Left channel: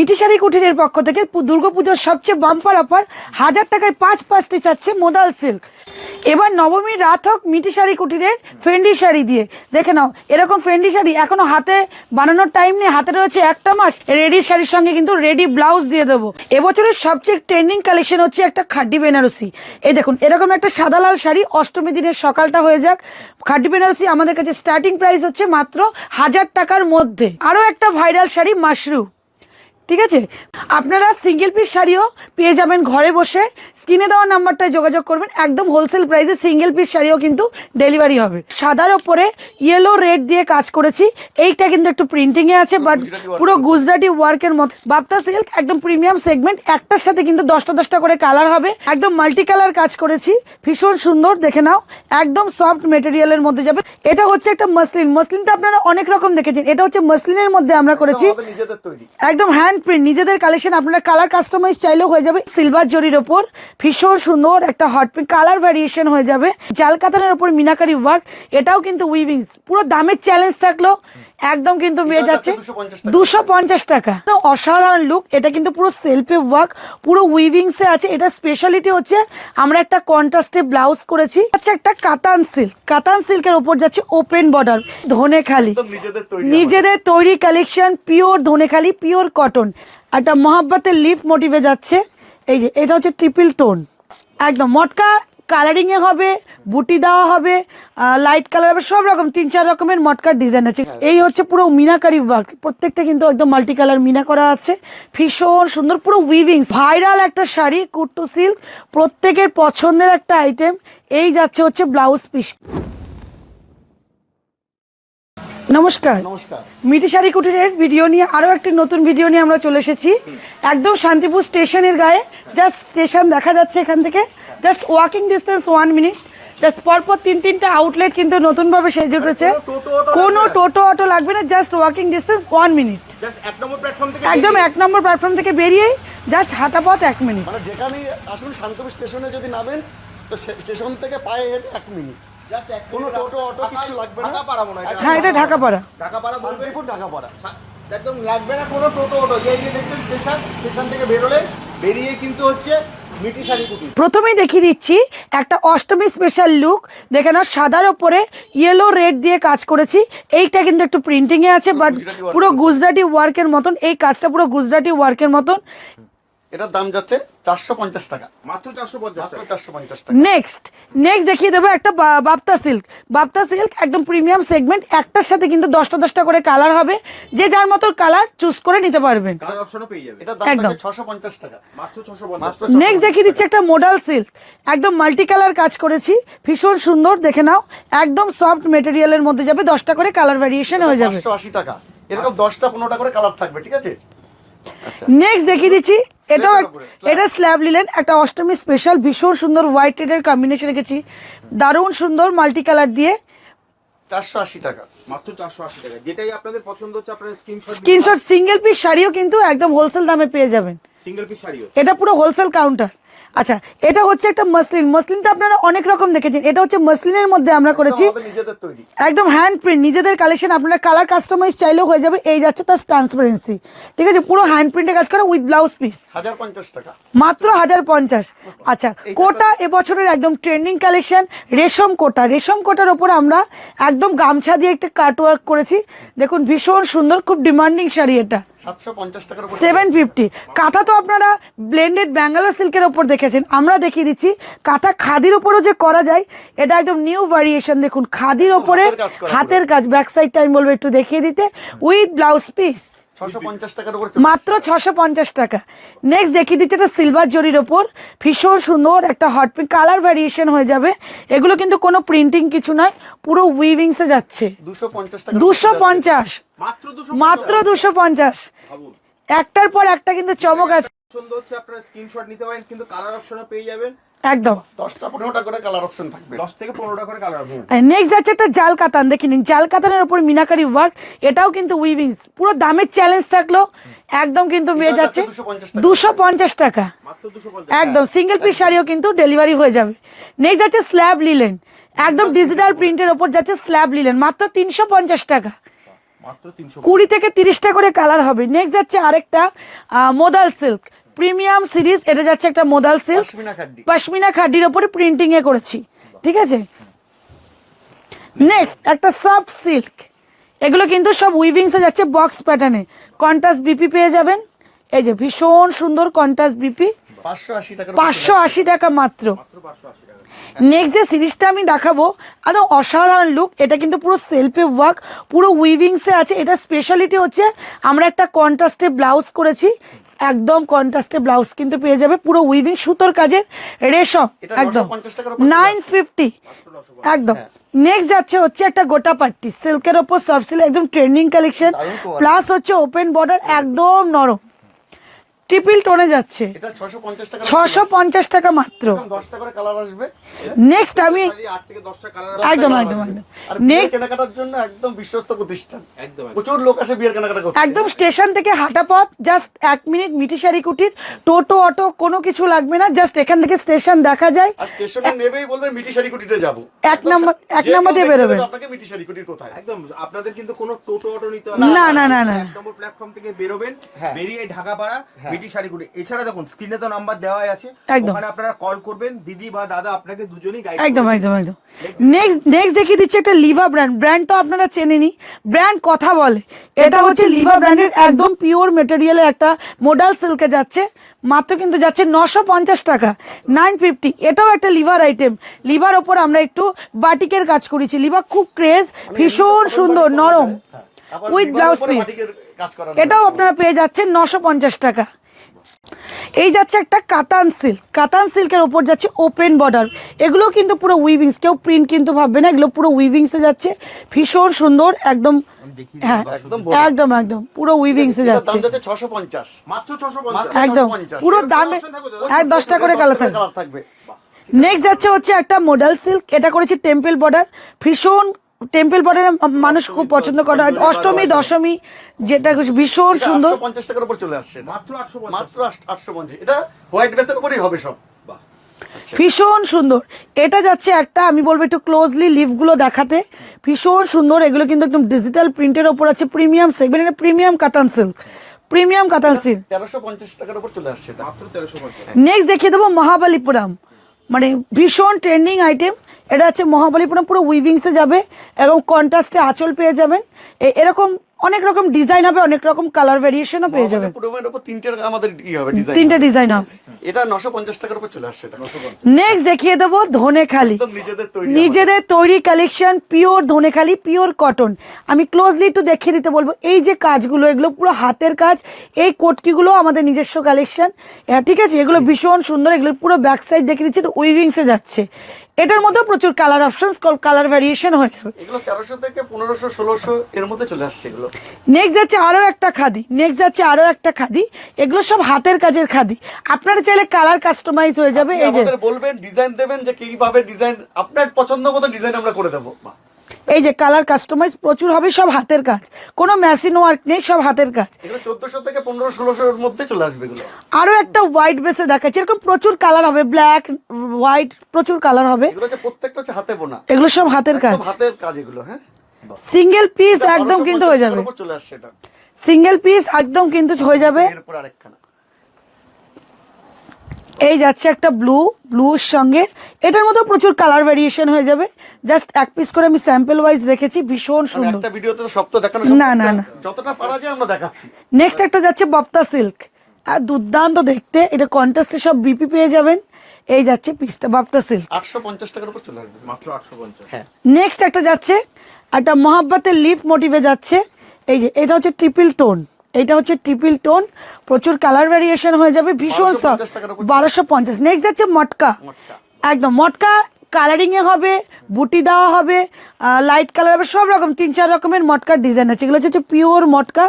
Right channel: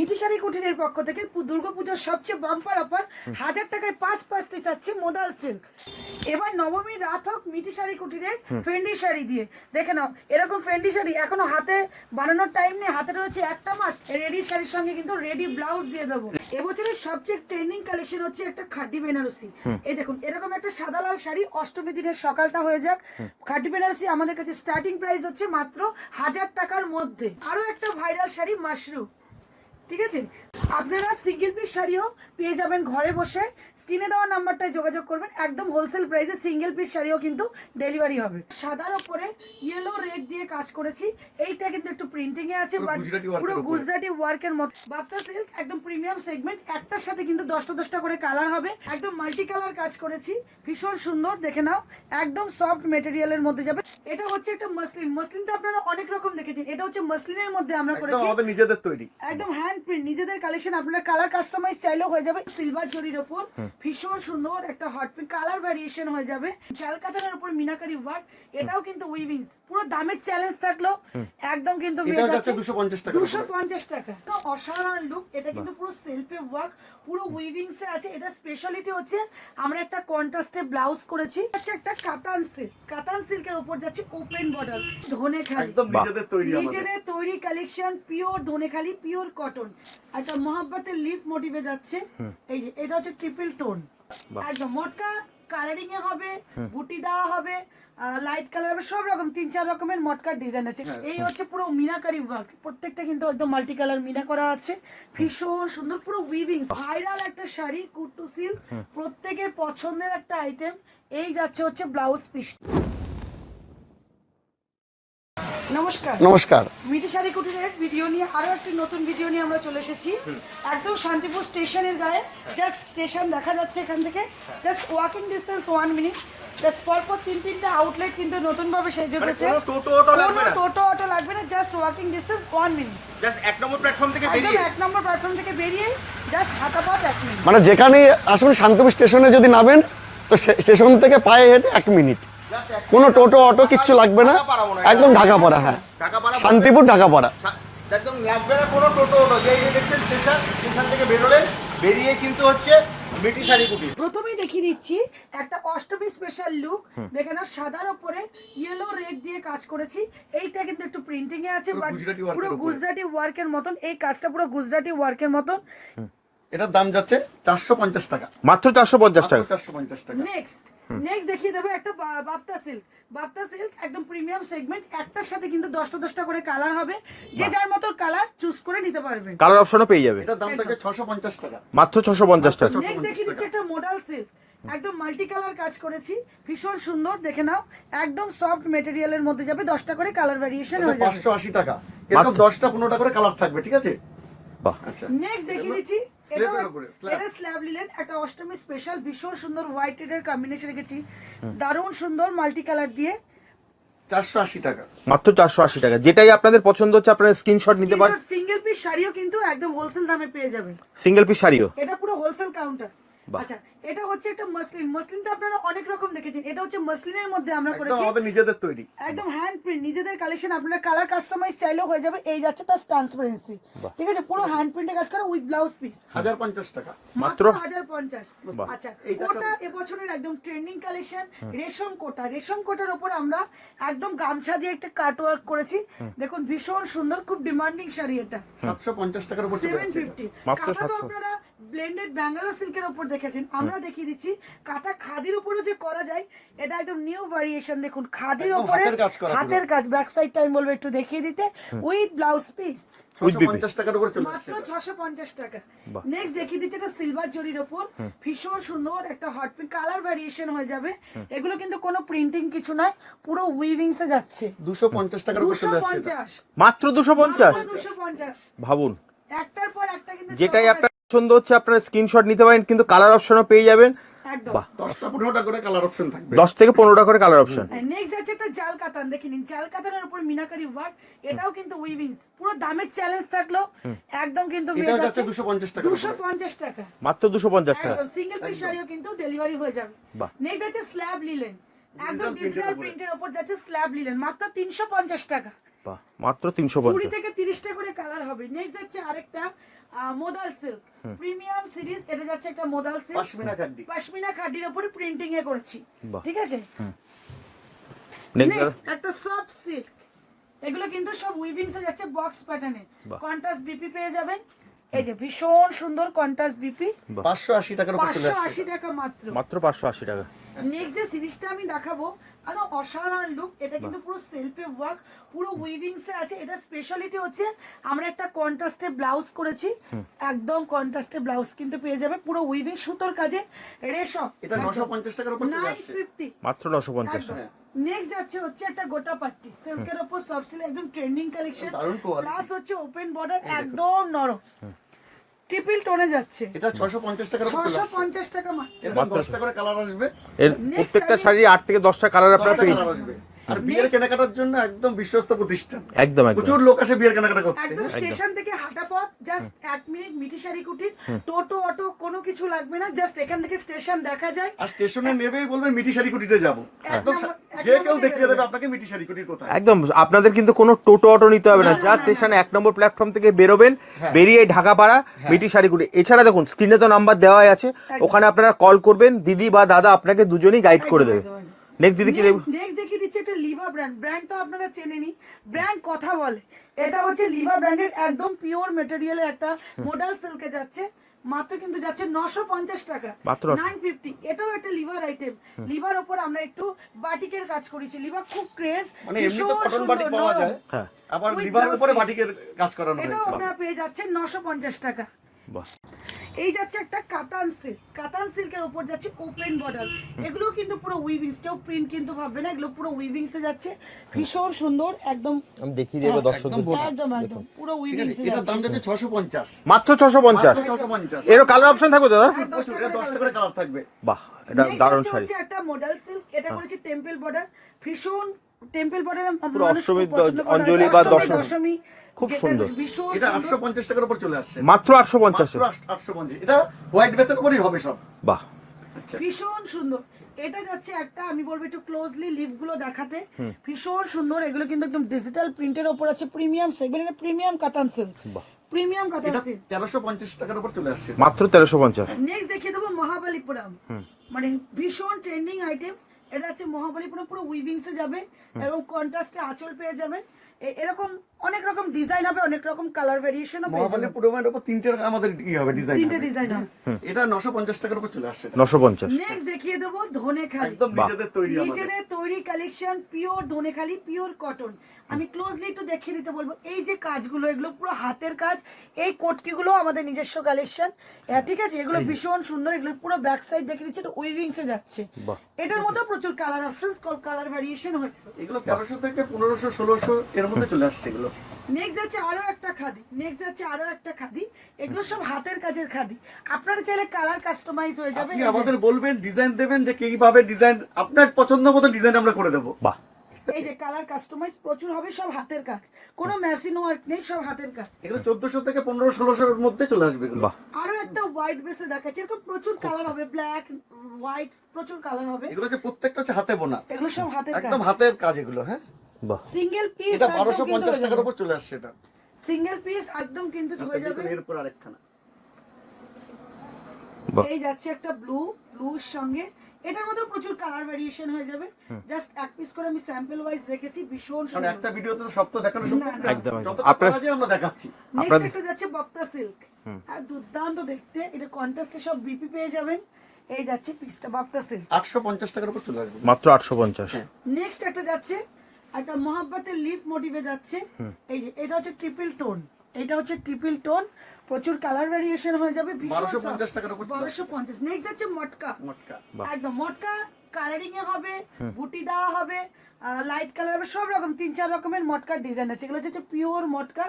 মিটিশারি কুটিরের পক্ষ থেকে দুর্গাপুজোর সবচেয়ে বাম্পার অফার হাজার টাকায় পাঁচ পাঁচটি চাচ্ছে মোদাল সিল্ক এবার নবমীর রাত হোক মিটিশারি কুটিরের ফেন্ডি শাড়ি দিয়ে। দেখে নাও এরকম ফেন্ডি শাড়ি এখনও হাতে বানানোর টাইম নেই হাতে রয়েছে একটা মাস। রেডি শাড়ির সঙ্গে কিন্তু রেডি ব্লাউজ দিয়ে দেবো। এবছরের সবচেয়ে ট্রেন্ডিং কালেকশন হচ্ছে একটা খাড্ডি বেনারসি। এই দেখুন এরকম একটা সাদা লাল শাড়ি অষ্টমী দিনের সকালটা হয়ে যাক। খাড্ডি বেনারসি আমাদের কাছে স্টার্টিং প্রাইস হচ্ছে মাত্র হাজার টাকার মধ্যে। আরও একটা ভাইরাল শাড়ি মাশরুম ঠিক আছে? আপনারা সিঙ্গেল পিস শাড়িও পেয়ে যাবেন ঘরে বসে। স্ক্রিনে দেওয়া নাম্বারটায় যোগাযোগ করবেন। একদম হোলসেল প্রাইসে সিঙ্গেল পিস শাড়িও কিন্তু ডেলিভারি হবে। সাদার ওপরে ইয়েলো রেড দিয়ে কাজ করেছি। এইটা কিন্তু একটু প্রিন্টিংয়ে আছে বাট পুরো গুজরাটি ওয়ার্কের মতো বাপ্তা সিল্ক একদম প্রিমিয়াম সেগমেন্ট একটার সাথে কিন্তু দশটা দশটা করে কালার হবে। একদম মাল্টি কালার কাজ করেছি। ভীষণ সুন্দর দেখে নাও। একদম সফট মেটেরিয়ালের মধ্যে যাবে। এটা হচ্ছে একটা মসলিন মসলিনটা আপনারা অনেক রকম দেখেছেন। এটা হচ্ছে মসলিনের মধ্যে আমরা করেছি। একদম হ্যান্ড প্রিন্ট নিজেদের কালেকশন আপনারা কালার কাস্টমাইজ চাইলেও হয়ে যাবে। সিলভার জরির ওপর। ভীষণ সুন্দর একটা হট পিঙ্ক কালার ভ্যারিয়েশন হয়ে যাবে। জাল কাতানের ওপর মিনাকারি ওয়ার্ক এটাও কিন্তু উইভিংস পুরো দামের চ্যালেঞ্জ থাকল। একদম কিন্তু পেয়ে যাচ্ছে যাচ্ছে। 250 টাকা। দুশো পঞ্চাশ টাকা। তো অসাধারণ লুক এটা কিন্তু পুরো সেলফে ওয়ার্ক পুরো উইভিংস এ আছে। এটা স্পেশালিটি হচ্ছে আমরা একটা কন্ট্রাস্টে ব্লাউজ করেছি। হচ্ছে একটা কাতান সিল্ক কাতান সিল্কের ওপর যাচ্ছে ওপেন বর্ডার ধনে খালি নিজেদের তৈরি নিজেদের তৈরি collection pure Dhanekhali pure cotton একটা মহাব্বতের লিফ মোটিভে যাচ্ছে। এই যে এটা হচ্ছে ট্রিপল টোন একদম মটকা কালারিং এ হবে বুটি দেওয়া হবে লাইট কালার হবে সব রকম তিন চার রকমের মটকার ডিজাইন আছে। এই হচ্ছে পুরো মিনাকারি ওয়ার্ক প্রত্যেকটা কিন্তু একদম মাল্টি কালার মিনা করা আছে। ভীষণ সুন্দর পুরো উইভিং ভাইরাল একটা শাড়ি কুট্টু সিল্ক প্রত্যেকের পছন্দের একটা আইটেম এই যাচ্ছে হচ্ছে ব্লাউজ পিস নমস্কার। নমস্কার। মিটি শাড়ি কুটিরের ভিডিও নিয়ে আরও একটি নতুন ভিডিও নিয়ে আমরা চলে এসেছি। একদম শান্তিপুর স্টেশনের গায়ে। জাস্ট স্টেশন দেখা যাচ্ছে এখান থেকে। Just walking distance one minute just পরপর তিন তিনটা আউটলেট কিন্তু নতুনভাবে সেজে উঠেছে। কোনো টোটো অটো লাগবে না। Just walking distance one minute এক নম্বর প্ল্যাটফর্ম থেকে একদম এক নম্বর প্ল্যাটফর্ম থেকে বেরিয়েই জাস্ট হাঁটা পথ এক মিনিট মানে যেখানে আসবেন শান্তিপুর স্টেশনে যদি নামেন তো সে- স্টেশন থেকে পায়ে হেঁটে এক মিনিট কোনো টোটো অটো কিচ্ছু লাগবে না। একদম হ্যাঁ, ঢাকা ঢাকাপাড়া। পড়া। শান্তিপুর ঢাকা পড়া। একদম লাগবে না কোনো টোটো হলো যে যে দেখছেন স্টেশন স্টেশন থেকে বেরোলেন বেরিয়ে কিন্তু হচ্ছে প্রথমেই দেখিয়ে দিচ্ছি একটা অষ্টমী স্পেশাল লুক দেখে নাও সাদার ওপরে ইয়েলো রেড দিয়ে কাজ করেছি। এইটা কিন্তু একটু প্রিন্টিং এ আছে বাট পুরো গুজরাটি ওয়ার্কের মতন। এই কাজটা পুরো গুজরাটি ওয়ার্কের মতন। এটার দাম যাচ্ছে চারশো পঞ্চাশ টাকা। মাত্র চারশো পঞ্চাশ টাকা। চারশো পঞ্চাশ টাকা। নেক্সট নেক্সট দেখিয়ে দেবো একটা বাপ্তা সিল্ক। বাপ্তা সিল্ক একদম প্রিমিয়াম সেগমেন্ট একটার সাথে কিন্তু দশটা দশটা করে কালার হবে। যে যার মতো কালার চুজ করে নিতে পারবেন। কালার অপশনও পেয়ে যাবে। একদম। থাকে ছশো পঞ্চাশ টাকা। মাত্র ছশো পঞ্চাশ টাকা। নেক্সট দেখিয়ে দিচ্ছি একটা মোডাল সিল্ক একদম মাল্টি কালার কাজ করেছি। ভীষণ সুন্দর দেখে নাও। একদম সফট মেটেরিয়ালের মধ্যে যাবে দশটা করে কালার ভ্যারিয়েশন হয়ে যাবে। টাকা। এরকম দশটা পনেরোটা করে কালার থাকবে ঠিক আছে? নেক্সট দেখিয়ে দিচ্ছি এটাও slab। এটা স্ল্যাব নিলেন একটা অষ্টমী স্পেশাল ভীষণ সুন্দর হোয়াইট রেডের কম্বিনেশন রেখেছি। দারুণ সুন্দর মাল্টি কালার দিয়ে। চারশো আশি টাকা। মাত্র চারশো আশি টাকা। যেটাই আপনাদের পছন্দ হচ্ছে আপনারা স্ক্রিনশট স্ক্রিনশট সিঙ্গেল পিস শাড়িও কিন্তু একদম হোলসেল দামে পেয়ে যাবেন। সিঙ্গেল পিস শাড়িও? এটা পুরো হোলসেল কাউন্টার আচ্ছা এটা হচ্ছে একটা মসলিন। মসলিনটা আপনারা অনেক রকম দেখেছেন। এটা হচ্ছে মসলিনের মধ্যে আমরা করেছি। নিজেদের তৈরি। একদম হ্যান্ড প্রিন্ট নিজেদের কালেকশন আপনারা কালার কাস্টমাইজ চাইলেও হয়ে যাবে। এই যাচ্ছে তার ট্রান্সপারেন্সি ঠিক আছে? পুরো হ্যান্ড প্রিন্টে কাজ করা উইথ ব্লাউজ পিস হাজার পঞ্চাশ টাকা। মাত্র হাজার পঞ্চাশ। আচ্ছা কোটা এবছরের একদম ট্রেন্ডিং কালেকশন রেশম কোটা। রেশম কোটার ওপর আমরা একদম গামছা দিয়ে একটা কাট ওয়ার্ক করেছি দেখুন ভীষণ সুন্দর খুব ডিমান্ডিং শাড়ি এটা। সেভেন ফিফটি কাঁথা তো আপনারা ব্লেন্ডেড ব্যাঙ্গালোর সিল্কের ওপর দেখেছেন? আমরা দেখিয়ে দিচ্ছি কাঁথা খাদির ওপরও যে করা যায় এটা একদম নিউ ভ্যারিয়েশন দেখুন খাদির ওপরে হাতের কাজ ব্যাক সাইডটা আমি বলব একটু দেখিয়ে দিতে। উইথ ব্লাউজ পিস উপর মাত্র ছশো পঞ্চাশ টাকা। নেক্সট দেখিয়ে দিচ্ছে একটা সিলভার জরির ওপর। ভীষণ সুন্দর একটা হট পিঙ্ক কালার ভ্যারিয়েশন হয়ে যাবে। এগুলো কিন্তু কোনো প্রিন্টিং কিছু নয় পুরো উইভিংসে যাচ্ছে। দুশো পঞ্চাশ মাত্র দুশো মাত্র দুশো পঞ্চাশ। ভাবুন। একটার পর একটা কিন্তু চমক আছে। পছন্দ হচ্ছে আপনারা স্ক্রিনশট নিতে পারেন কিন্তু কালার অপশনও পেয়ে যাবেন। একদম। দশটা পনেরোটা করে কালার অপশন থাকবে। দশ থেকে পনেরোটা করে কালার অপশন নেক্সট যাচ্ছে একটা জাল কাতান দেখে নিন। জাল কাতানের উপর মিনাকারি ওয়ার্ক এটাও কিন্তু উইভিংস পুরো দামের চ্যালেঞ্জ থাকল একদম কিন্তু পেয়ে যাচ্ছে যাচ্ছে। 250 টাকা। দুশো পঞ্চাশ টাকা। মাত্র দুশো পঞ্চাশ একদম সিঙ্গেল পিস শাড়িও কিন্তু ডেলিভারি হয়ে যাবে। নেক্সট যাচ্ছে স্ল্যাব লিলেন একদম ডিজিটাল প্রিন্টের ওপর যাচ্ছে স্ল্যাব লিলেন মাত্র তিনশো পঞ্চাশ টাকা। মাত্র তিনশো কুড়ি থেকে তিরিশটা করে কালার হবে। নেক্সট যাচ্ছে আরেকটা মোদাল সিল্ক প্রিমিয়াম সিরিজ এটা যাচ্ছে একটা মোদাল সিল্ক পশমিনা খাদির উপরে ওপরে প্রিন্টিং এ করেছি। ঠিক আছে? নেক্সট একটা সফট সিল্ক এগুলো কিন্তু সব উইভিংস এ যাচ্ছে বক্স প্যাটার্নে কন্ট্রাস্ট বিপি পেয়ে যাবেন। এই যে ভীষণ সুন্দর কন্ট্রাস্ট বিপি। পাঁচশো আশি টাকা মাত্র। মাত্র পাঁচশো আশি টাকা। নেক্সট যে সিরিজটা আমি দেখাবো একদম অসাধারণ লুক এটা কিন্তু পুরো সেলফে ওয়ার্ক পুরো উইভিংসে আছে। এটা স্পেশালিটি হচ্ছে আমরা একটা কন্ট্রাস্টে ব্লাউজ করেছি। একদম কন্ট্রাস্টে ব্লাউজ কিন্তু পেয়ে যাবে পুরো উইভিং সুতোর কাজের রেশম একদম। 950 টাকার উপর চলে নাইন ফিফটি একদম। নেক্সট যাচ্ছে হচ্ছে একটা গোটা পাট্টি। সিল্কের ওপর সব সিল্ক একদম ট্রেন্ডিং কালেকশন প্লাস হচ্ছে ওপেন বর্ডার একদম নরম। ট্রিপল টোনে যাচ্ছে। এটা ছশো পঞ্চাশ টাকা ছশো পঞ্চাশ টাকা মাত্র। দশটা করে কালার আসবে। Next আমি- শাড়ি আট থেকে দশটা কালার একদম colour একদম একদম। নেক্সট কেনাকাটার জন্য একদম বিশ্বস্ত প্রতিষ্ঠান। একদম একদম। প্রচুর লোক আসে বিয়ের কেনাকাটা করতে। একদম স্টেশন থেকে হাঁটা পথ জাস্ট এক মিনিট মিটিশারি কুটির টোটো অটো কোনো কিছু লাগবে না জাস্ট এখান থেকে স্টেশন দেখা যায়। আর স্টেশনে নেবেই বলবেন মিটি শাড়িকুটিতে যাব। এক নাম্বার এক নাম্বার দিয়ে বেরোবেন আপনাকে মিটি শাড়িকুটির কোথায়। একদম আপনাদের কিন্তু কোনো টোটো অটো নিতে হবে না। না, না, না, এক নম্বর প্ল্যাটফর্ম থেকে বেরোবেন বেরিয়ে ঢাকা ঢাকাপাড়া বিটি শাড়িগুড়ি এছাড়া দেখুন স্ক্রিনে তো নাম্বার দেওয়াই আছে। ওখানে আপনারা কল করবেন দিদি বা দাদা আপনাকে দুজনেই গাইড একদম করবে একদম একদম। নেক্সট দেখিয়ে দিচ্ছি একটা লিভা ব্র্যান্ড ব্র্যান্ড তো আপনারা চেনেনি ব্র্যান্ড কথা বলে। এটা হচ্ছে লিভা ব্র্যান্ডের একদম পিওর মেটেরিয়ালের একটা মোডাল সিল্কে যাচ্ছে। মাত্র কিন্তু যাচ্ছে নশো পঞ্চাশ টাকা। নাইন ফিফটি এটাও একটা লিভার আইটেম লিভার ওপর আমরা একটু বাটিকের কাজ করেছি। লিভার খুব ক্রেজ মানে ভীষণ সুন্দর নরম। হ্যাঁ। উইথ বিবাহের ব্লাউজ পিস এটাও আপনারা পেয়ে যাচ্ছেন নশো পঞ্চাশ টাকা। এই যাচ্ছে একটা কাতান সিল্ক। কাতান সিল্কের ওপর যাচ্ছে ওপেন বর্ডার এগুলো কিন্তু পুরো উইভিংস কেউ প্রিন্ট কিন্তু ভাববে না এগুলো পুরো উইভিংসে যাচ্ছে। ভীষণ সুন্দর একদম হ্যাঁ একদম একদম একদম পুরো উইভিংসে যাচ্ছে। মাত্র ছশো পঞ্চাশ। একদম পুরো option থাকবে দাদা? হ্যাঁ দশটা করে কালার থাকবে। বাহ নেক্সট যাচ্ছে হচ্ছে একটা মডেল সিল্ক এটা করেছি টেম্পল বর্ডার ভীষণ টেম্পল বর্ডার মানুষ খুব পছন্দ করে। অষ্টমী দশমী। দশমী যেটা ভীষণ সুন্দর। 850 টাকার উপর চলে আসছে। মাত্র আটশো পঞ্চাশ। মাত্র 850 এটা হোয়াইট ড্রেসের উপরেই হবে সব। বাহ। ভীষণ সুন্দর। এটা যাচ্ছে একটা আমি বলব একটু ক্লোজলি লিভগুলো দেখাতে। ভীষণ সুন্দর। এগুলো কিন্তু একদম ডিজিটাল প্রিন্টের ওপর আছে। প্রিমিয়াম সেগমেন্ট এটা প্রিমিয়াম কাতান সিল্ক প্রিমিয়াম কাতান সিল্ক 1350 টাকার উপর চলে আসছে মাত্র তেরোশো পঞ্চাশ। নেক্সট দেখিয়ে দেবো মহাবালিপুরাম। মানে ভীষণ ট্রেন্ডিং আইটেম এটা হচ্ছে মহাবলীপুরম পুরো উইভিংসে যাবে এবং কন্ট্রাস্টে আঁচল পেয়ে যাবেন। এরকম অনেক রকম ডিজাইন হবে অনেক রকম কালার ভেরিয়েশনও পেয়ে যাবেন। পুরো মানে উপর তিনটে আমাদের ই হবে ডিজাইন তিনটে ডিজাইন হবে। এটা 950 টাকার উপর চলে আসছে এটা। নশো পঞ্চাশ। নেক্সট দেখিয়ে দেবো ধনেখালি। নিজেদের তৈরি collection pure Dhanekhali pure cotton আমি ক্লোজলি একটু দেখিয়ে দিতে বলব এই যে কাজগুলো এগুলো পুরো হাতের কাজ এই কোটকিগুলো আমাদের নিজস্ব কালেকশন ঠিক আছে? এগুলো ভীষণ সুন্দর এগুলো পুরো ব্যাক সাইড দেখিয়ে দিচ্ছে উইভিংসে যাচ্ছে। এটার মধ্যে প্রচুর কালার অপশন কালার ভ্যারিয়েশন হয়ে যাবে। এগুলো 1300 থেকে 1500 1600 এর মধ্যে চলে আসছে এগুলো। নেক্সট যাচ্ছে আরও একটা খাদি। নেক্সট যাচ্ছে আরও একটা খাদি। এগুলো সব হাতের কাজের খাদি। আপনারা চাইলে কালার কাস্টমাইজ হয়ে যাবে। এই যে বলবেন ডিজাইন দেবেন যে কীভাবে ডিজাইন আপনার পছন্দ মতো ডিজাইন আমরা করে দেবো। বাহ। এই যে কালার কাস্টমাইজ প্রচুর হবে সব হাতের কাজ। কোনো মেশিন ওয়ার্ক নেই সব হাতের কাজ। এগুলো 1400 থেকে 1500 1600 এর মধ্যে চলে আসবে এগুলো। আরও একটা হোয়াইট বেসে দেখাচ্ছি। এরকম প্রচুর কালার হবে। ব্ল্যাক হোয়াইট প্রচুর কালার হবে। এগুলো হচ্ছে প্রত্যেকটা হচ্ছে হাতে বোনা। এগুলো সব হাতের কাজ। হাতের কাজ এগুলো হ্যাঁ? সিঙ্গেল পিস একদম কিন্তু হয়ে যাবে। চলে আসছে এটা। সিঙ্গেল পিস একদম কিন্তু হয়ে যাবে। এরপর আরেকখানা। এই যাচ্ছে একটা ব্লু ব্লুর সঙ্গে। এটার মধ্যে প্রচুর কালার ভেরিয়েশন হয়ে যাবে। জাস্ট এক পিস করে আমি স্যাম্পল ওয়াইজ রেখেছি ভীষণ মানে সুন্দর। একটা ভিডিওতে তো সব তো দেখানো না, না, না। যতটা পারা যায় আমরা দেখাচ্ছি। নেক্সট একটা যাচ্ছে বপ্তা সিল্ক আর দুর্দান্ত দেখতে। এটা কন্ট্রাস্টে সব বিপি পেয়ে যাবেন। এই যাচ্ছে পিসটা বপ্তা সিল্ক 850 টাকার উপর চলে আসবে। মাত্র আটশো পঞ্চাশ। নেক্সট একটা যাচ্ছে একটা মহাব্বতের লিফ মোটিভে যাচ্ছে। এই যে এটা হচ্ছে ট্রিপল টোন এটা হচ্ছে ট্রিপল টোন প্রচুর কালার ভ্যারিয়েশন হয়ে যাবে ভীষণ সফট বারোশো পঞ্চাশ। নেক্সট যাচ্ছে মটকা। একদম মটকা কালারিং এ হবে বুটি দেওয়া হবে লাইট কালার হবে সব রকম তিন চার রকমের মটকার ডিজাইন আছে। এগুলো হচ্ছে পিওর মটকা।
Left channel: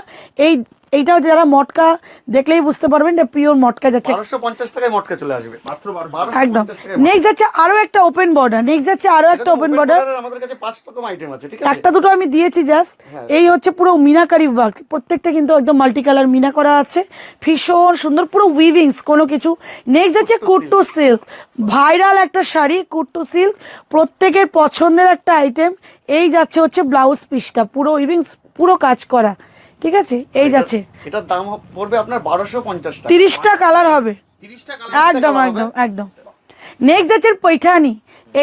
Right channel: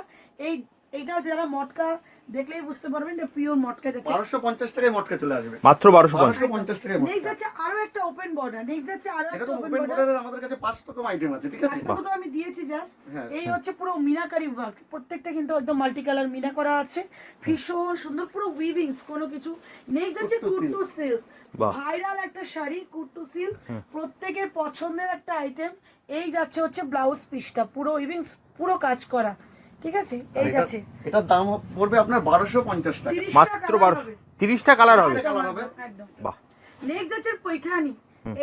এই এইটাও যারা মটকা দেখলেই বুঝতে পারবেন এটা পিওর মটকা যাচ্ছে। 1250 টাকায় মটকা চলে আসবে। মাত্র বারোশো পঞ্চাশ। একদম। নেক্সট যাচ্ছে আরও একটা ওপেন বর্ডার নেক্সট যাচ্ছে আরও একটা ওপেন বর্ডার আমাদের কাছে পাঁচ রকম আইটেম আছে ঠিক আছে? একটা দুটো আমি দিয়েছি জাস্ট এই হচ্ছে পুরো মিনাকারি ওয়ার্ক প্রত্যেকটা কিন্তু একদম মাল্টি কালার মিনা করা আছে। ভীষণ সুন্দর পুরো উইভিংস কোনো কিছু। নেক্সট হচ্ছে কুট্টু সিল্ক ভাইরাল একটা শাড়ি কুট্টু সিল্ক প্রত্যেকের পছন্দের একটা আইটেম এই যাচ্ছে হচ্ছে ব্লাউজ পিসটা পুরো উইভিংস পুরো কাজ করা। ঠিক আছে? এই যাচ্ছে। এটার দাম পড়বে আপনার বারোশো পঞ্চাশ টাকা। তিরিশটা কালার হবে। তিরিশটা কালার একদম একদম একদম। নেক্সট যাচ্ছে পৈঠানি।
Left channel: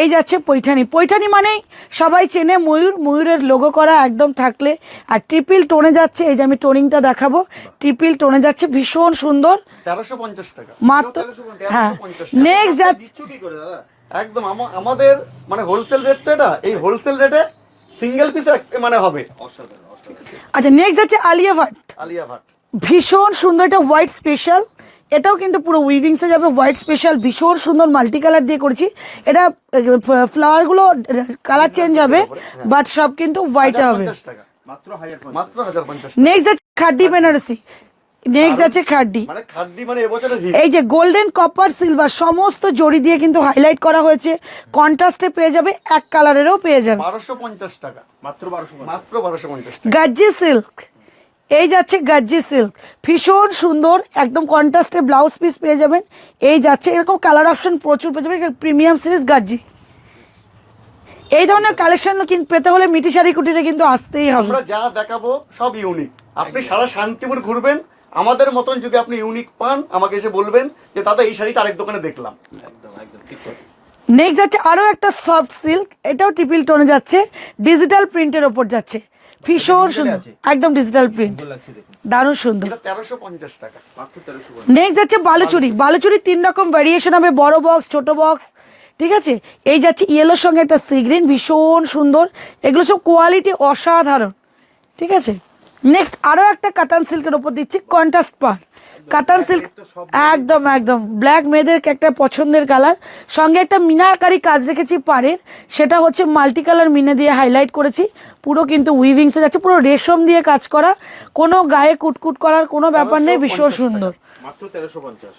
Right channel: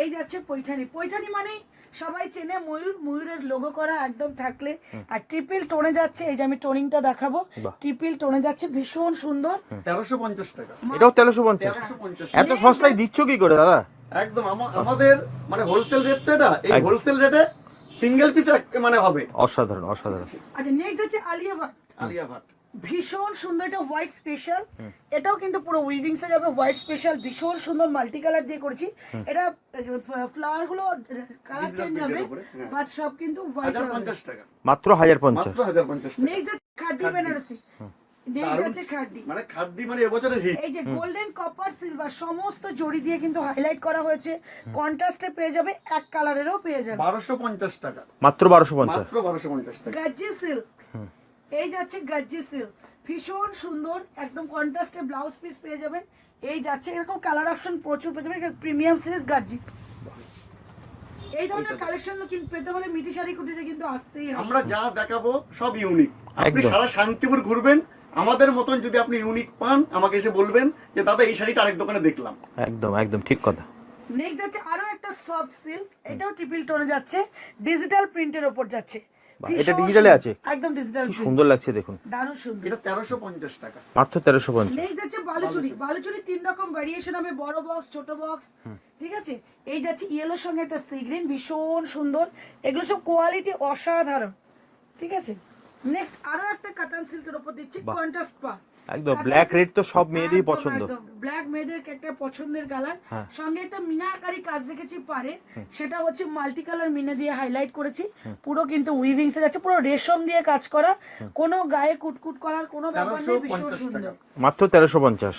এই যাচ্ছে পৈঠানি। পৈঠানি মানেই সবাই চেনে ময়ূর। ময়ূরের লোগো করা একদম থাকলে। আর ট্রিপল টোনে যাচ্ছে এই যে আমি টোনিংটা দেখাবো। ট্রিপল টোনে যাচ্ছে ভীষণ সুন্দর। তেরোশো পঞ্চাশ টাকা। এটাও মাত্র তেরোশো পঞ্চাশ। হ্যাঁ। এত নেক্সট দিচ্ছ কি করে দাদা? একদম আমাদের মানে হোলসেল রেট তো এটা। এই হোলসেল রেটে সিঙ্গেল পিস মানে হবে। অসাধারণ অসাধারণ। আচ্ছা নেক্সট যাচ্ছে আলিয়া ভাট। আলিয়া ভাট। ভীষণ সুন্দর এটা হোয়াইট স্পেশাল এটাও কিন্তু পুরো উইভিংসে যাবে হোয়াইট স্পেশাল ভীষণ সুন্দর মাল্টি কালার দিয়ে করেছি। এটা ফ্লাওয়ারগুলো কালার চেঞ্জ হবে বাট সব কিন্তু হোয়াইট হবে। মাত্র হাজার পঞ্চাশ। নেক্সট আছে খাড্ডি বেনারসি। নেক্সট আছে খাড্ডি। মানে মানে এই যে গোল্ডেন কপার সিলভার সমস্ত জড়ি দিয়ে কিন্তু হাইলাইট করা হয়েছে। কন্ট্রাস্টে পেয়ে যাবে এক কালারেরও পেয়ে যাবে। বারোশো পঞ্চাশ টাকা। মাত্র বারোশো পঞ্চাশ। বারোশো পঞ্চাশ গাজ্জি সিল্ক এই যাচ্ছে গাজ্জি সিল্ক ভীষণ সুন্দর একদম কন্ট্রাস্টে ব্লাউজ পিস পেয়ে যাবেন। এই যাচ্ছে এরকম কালার অপশন প্রচুর পেয়ে যাবেন। প্রিমিয়াম সিরিজ গাজ্জি। এই ধরনের কালেকশন কিন্তু পেতে হলে মিটি শাড়ি কুটিরে কিন্তু আসতেই হবে। আমরা যা দেখাবো সব ইউনিক আপনি সারা শান্তিপুর ঘুরবেন আমাদের মতন যদি আপনি ইউনিক পান আমাকে এসে বলবেন যে দাদা এই শাড়িটা আরেক দোকানে দেখলাম। একদম একদম ঠিক কথা। নেক্সট যাচ্ছে আরও একটা সফট সিল্ক এটাও ট্রিপল টোনে যাচ্ছে ডিজিটাল প্রিন্টের ওপর যাচ্ছে। ভীষণ আছে? একদম ডিজিটাল প্রিন্ট সুন্দর লাগছে দেখুন। দারুণ সুন্দর। এটা তেরোশো পঞ্চাশ টাকা। মাত্র তেরোশো পঞ্চাশ। নেক্সট যাচ্ছে বালুচুরি। বালুচুরি। তিন রকম ভ্যারিয়েশন হবে বড় বক্স ছোট বক্স ঠিক আছে? এই যাচ্ছে ইয়েলোর সঙ্গে একটা সি গ্রিন ভীষণ সুন্দর। এগুলো সব কোয়ালিটি অসাধারণ ঠিক আছে? নেক্সট আরও একটা কাতান সিল্কের উপর দিচ্ছি কন্ট্রাস্ট পার কাতান সিল্ক একদম একদম। ব্ল্যাক মেয়েদের একটা পছন্দের কালার সঙ্গে একটা মিনারকারি কাজ রেখেছি পাড়ের। সেটা হচ্ছে মাল্টি কালার মিনে দিয়ে হাইলাইট করেছি। পুরো কিন্তু উইভিংসে যাচ্ছে পুরো রেশম দিয়ে কাজ করা। কোনো গায়ে কুটকুট করার কোনো ব্যাপার নেই ভীষণ সুন্দর। মাত্র তেরোশো পঞ্চাশ।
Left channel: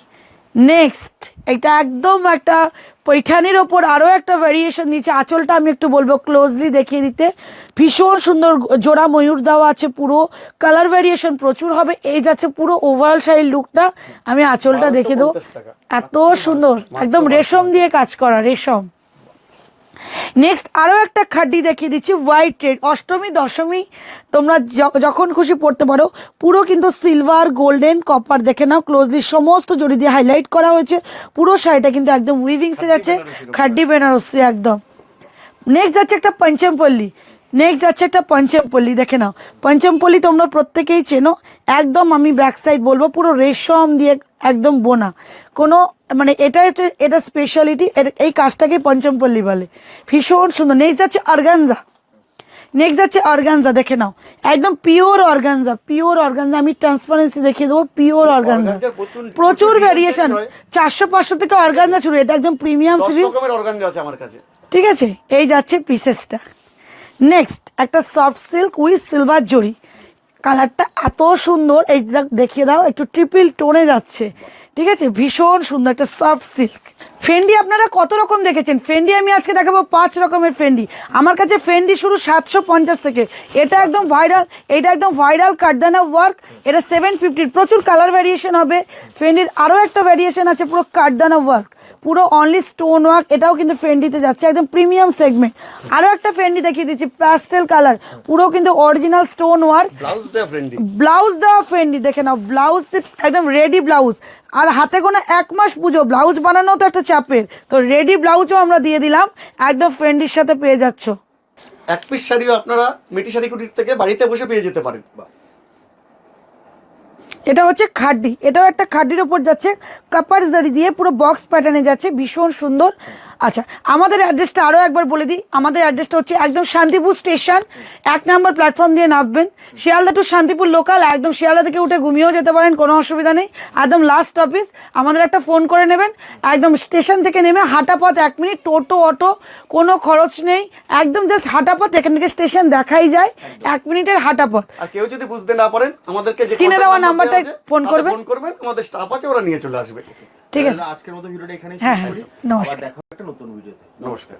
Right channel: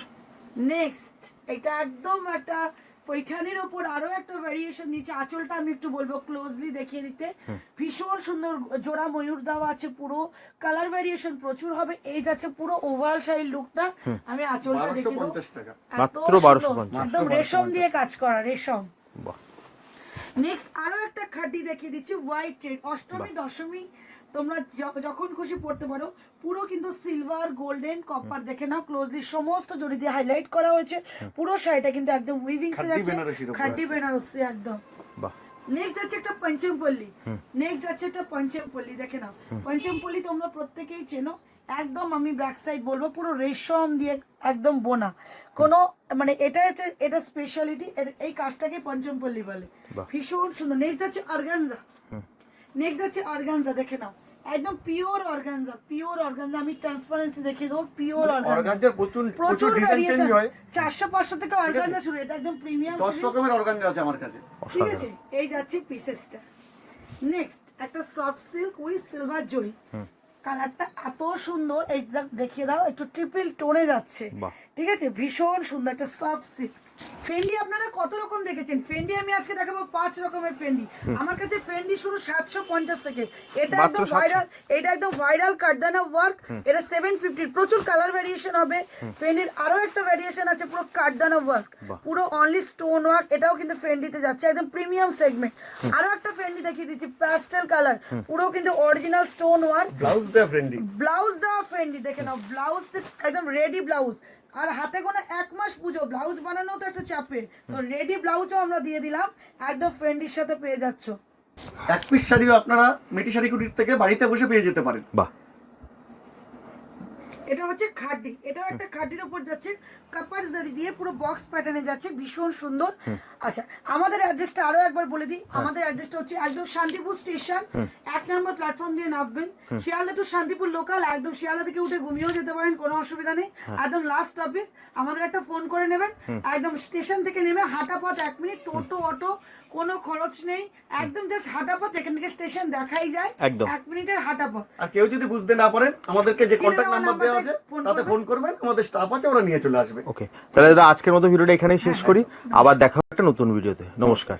নেক্সট এটা একদম একটা পৈঠানির ওপর আরও একটা ভ্যারিয়েশন দিচ্ছে আঁচলটা আমি একটু বলব ক্লোজলি দেখিয়ে দিতে। ভীষণ সুন্দর জোড়া ময়ূর দেওয়া আছে পুরো। কালার ভ্যারিয়েশন প্রচুর হবে। এই যাচ্ছে পুরো ওভারঅল শাড়ির লুকটা আমি আঁচলটা দেখে দেবো। এত সুন্দর একদম রেশম দিয়ে কাজ করা রেশম। নেক্সট আরও একটা খাড্ডি দেখিয়ে দিচ্ছি হোয়াইট রেড অষ্টমী দশমী। তোমরা যখন খুশি পড়তে পারো পুরো কিন্তু সিলভার গোল্ডেন কপার দেখে নাও ক্লোজলি সমস্ত জড়ি দিয়ে হাইলাইট করা হয়েছে। পুরো শাড়িটা কিন্তু একদম উইভিংসে যাচ্ছে খাড্ডি বেনারসি একদম। নেক্সট যাচ্ছে একটা পঞ্চমপল্লী। নেক্সট যাচ্ছে একটা পঞ্চমপল্লী দেখে নাও। পঞ্চমপল্লী তোমরা প্রত্যেকেই চেনো একদম আমি ব্যাক সাইড বলব পুরো রেশম দিয়ে একদম বোনা। কোনো মানে এটা এটা স্পেশালিটি এই কাজটাকে পঞ্চমপল্লী বলে। ভীষণ সুন্দর। নেক্সট যাচ্ছে অর্গানজা নেক্সট যাচ্ছে অর্গানজা দেখে নাও। একদম পিওর অর্গানজা পিওর অর্গানজা আমি ট্রান্সপারেন্সি দেখিয়ে দেবো পিওর অর্গানজা প্রচুর- ভ্যারিয়েশন চারশো পাঁচশো থেকে অর্গানজা শুরু। এটা একদম প্রিমিয়াম সিরিজ ঠিক আছে? এই যাচ্ছে পিসেসটা নেক্সট একটা সফট সিল্ক উইথ সিলভার জড়ি। কালারটা এত সুন্দর। এই দেখ- দেখিয়ে দাও একটু ট্রিপল টোনে যাচ্ছে। ঠিক আছে? ভীষণ সুন্দর একটা সফট সিল্ক ফেন্ডি আপনারা কত রকম দেখেছেন? ফেন্ডি আমি আজকে দেখাবো পাঁচ রকমের ফেন্ডি আমার কাছে ফেন্ডি শুরু সাতশো পঞ্চাশ থেকে। এটা একদম ভাইরাল এটা একদম ভাইরাল কাটদানা ওয়ার্ক এটা সেভেন ফিফটির প্রচুর কালার ভ্যারিয়েশন হবে। ফেন্ডির আরও একটা ভ্যারিয়েশন আছে পুরো কাটদানা ওয়ার্ক পুরো অনলি স্টোন ওয়ার্ক এটাও কিন্তু ফেন্ডিতে যাচ্ছে একদম প্রিমিয়াম সেগমেন্ট আরও একটা ফেন্ডি দেখিয়ে দিচ্ছি প্যাস্টেল কালার পুরো কিন্তু অরিজিনাল স্টোন ওয়ার্ক ব্লাউজ ফ্রেন্ডি ব্লাউজ দেওয়া ফেন্ডি দেখে নাও ব্লাউজ একদম রেডি ব্লাউজ আর হাতে কোনো এক মাস পুজো ব্লাউজ বানানো তো একটা চাপের। তো রেডি ব্লাউজও আমরা দিয়ে দিলাম একদম ফ্রেন্ডির সাথে পেয়ে যাচ্ছ। এক পিস শাড়িও আপনারা মিটি শাড়ি কুটির থেকে বাড়িতে বসে পেয়ে যেতে পারেন। বাহ। এটা হচ্ছে খাড্ডি। এটাও একটা খাড্ডির উপর যাচ্ছে। কাপার জারি দিয়ে পুরো বক্স প্যাটার্নে যাচ্ছে। ভীষণ সুন্দর। আচ্ছা আমাদের অ্যাড্রেসটা আরও একবার বলে দিই। আমাদের অ্যাড্রেসটা হচ্ছে একদম শান্তিপুর স্টেশন এক নম্বর প্ল্যাটফর্ম দিয়ে নামবেন। শিয়ালদা টু শান্তিপুর লোকাল একদম শিয়ালদা থেকে উঠে ঘুমিয়েও যেতে পারেন কোনো অসুবিধা নেই। একদম লাস্ট অফিস আমাদের একটা ফোন করে নেবেন। একদম স্টেশন থেকে নেমে হাঁটা পথ এক মিনিট টোটো অটো কোনো খরচ নেই। একদম জাস্ট হাঁটা পথ এখান থেকে স্টেশন দেখাই যায়। এক মিনিটের হাঁটা পথ আর কেউ যদি বুঝতে না পারেন আমাদেরকে contact দেওয়া number আছে, ফোন তাতে করবেন। ফোন করবেন আমাদের স্টাফ আছে ওরা নিয়ে চলে আসবে। ওকে তাহলে আজকের মতো ভিডিওটা এখানেই শেষ হ্যাঁ, করি। আবার দেখা একটা নতুন ভিডিওতে। নমস্কার।